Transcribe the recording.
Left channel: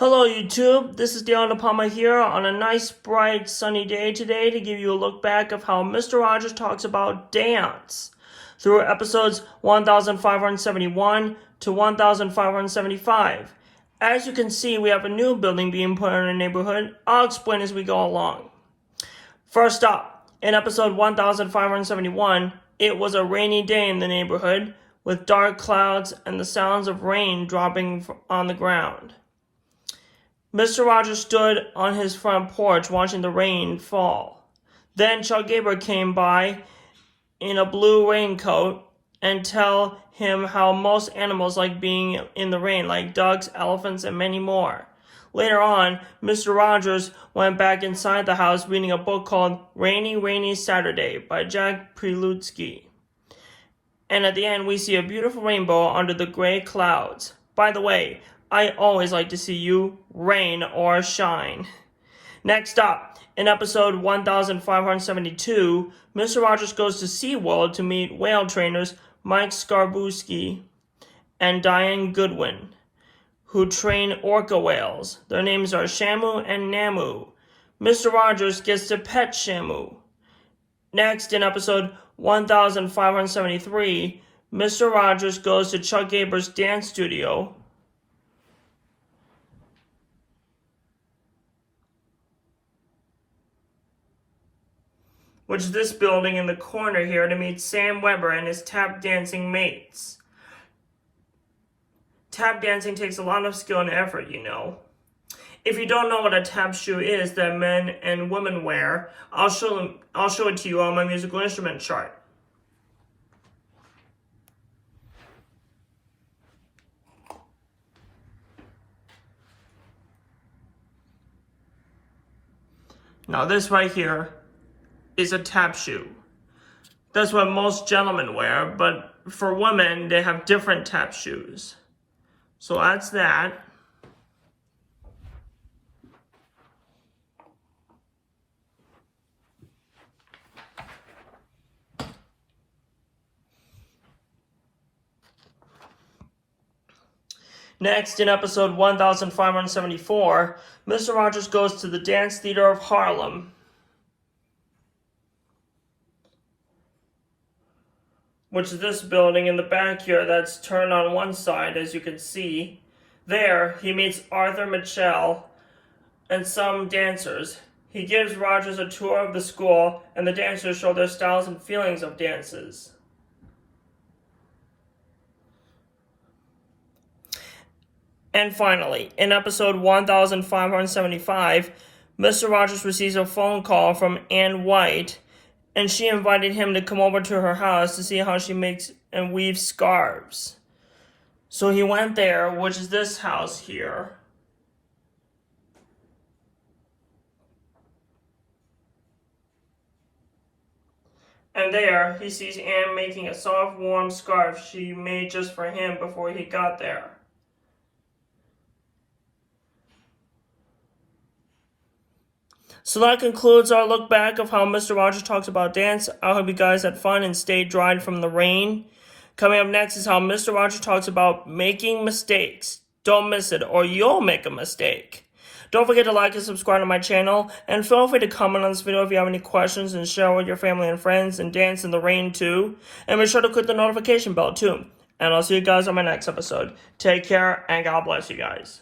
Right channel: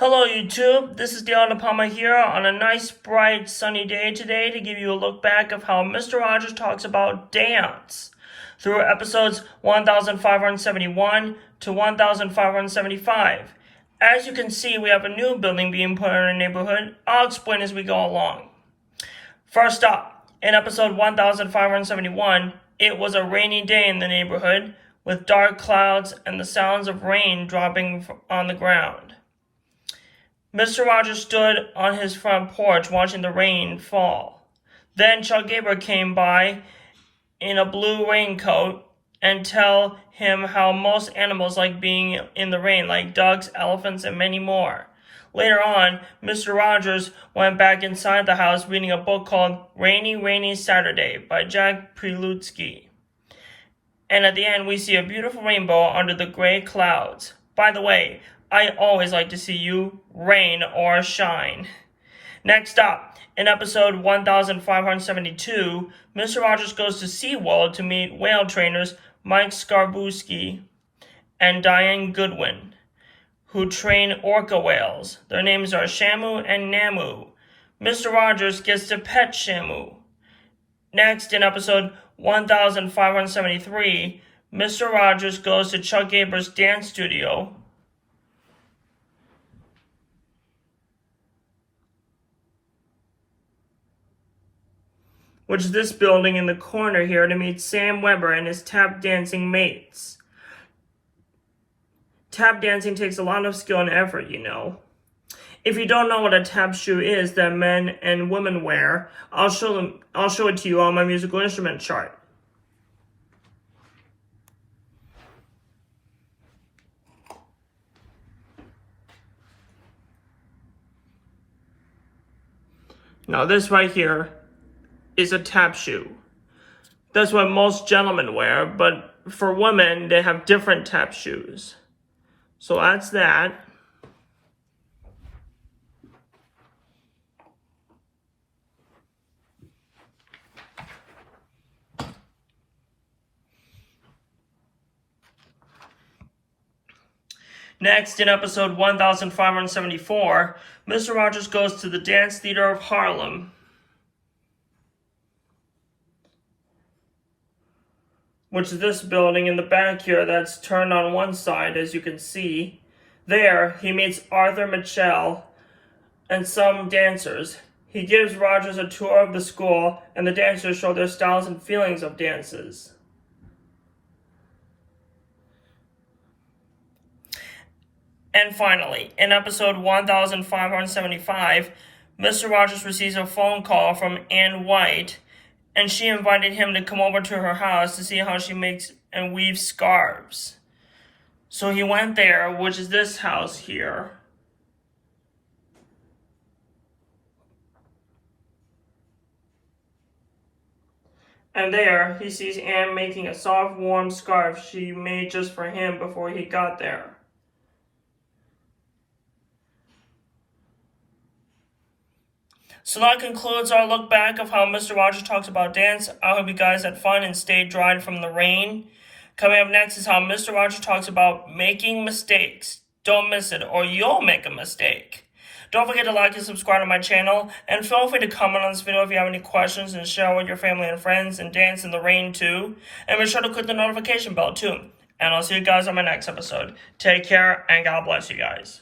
Hello YouTube, this is Dale Palma here on a nice bright sunny day today to give you a look back of how Mr. Rogers talks about dance through episodes 1571 to 1575. As you can see, we have a new building being put in our neighborhood. I'll explain as we go along. First up, in episode 1571, it was a rainy day in the neighborhood with dark clouds and the sounds of rain dropping on the ground. Mr. Rogers stood on his front porch watching the rain fall. Then Chuck Gabriel came by in a blue raincoat and tell him how most animals like being in the rain, like ducks, elephants, and many more. Later on, Mr. Rogers went back inside the house reading a book called Rainy, Rainy Saturday by Jack Prelutsky. And at the end, we see a beautiful rainbow under the gray clouds. By the way, I always like to see you rain or shine. Next up, in episode 1572, Mr. Rogers goes to SeaWorld to meet whale trainers Mike Skarbowski and Diane Goodwin, who train orca whales. Their names are Shamu and Namu. Mr. Rogers gets to pet Shamu. Next, in episode 1573, Mr. Rogers goes to Chuck Gabriel's dance studio, which is this building in the corner here, to meet Sam Weber and his tap dancing mates. Tap dancing takes a lot of skill and effort, you know. If you don't know what a tap shoe is that men and women wear, I'll show it to you on my musical instrument chart. Now this right here is a tap shoe. That's what most gentlemen wear, but for women, they have different tap shoes. So that's that. Next, in episode 1574, Mr. Rogers goes to the Dance Theater of Harlem, which is this building in the back here that's turned on one side, as you can see. There, he meets Arthur Mitchell and some dancers. He gives Rogers a tour of the school, and the dancers show their styles and feelings of dances. And finally, in episode 1575, Mr. Rogers receives a phone call from Ann White, and she invited him to come over to her house to see how she makes and weaves scarves. So he went there, which is this house here. And there, he sees Anne making a soft, warm scarf she made just for him before he got there. So that concludes our look back of how Mr. Rogers talks about dance. I hope you guys had fun and stayed dried from the rain. Coming up next is how Mr. Rogers talks about making mistakes. Don't miss it, or you'll make a mistake. Don't forget to like and subscribe to my channel, and feel free to comment on this video if you have any questions, and share with your family and friends, and dance in the rain too. And be sure to click the notification bell too. And I'll see you guys on my next episode. Take care, and God bless you guys.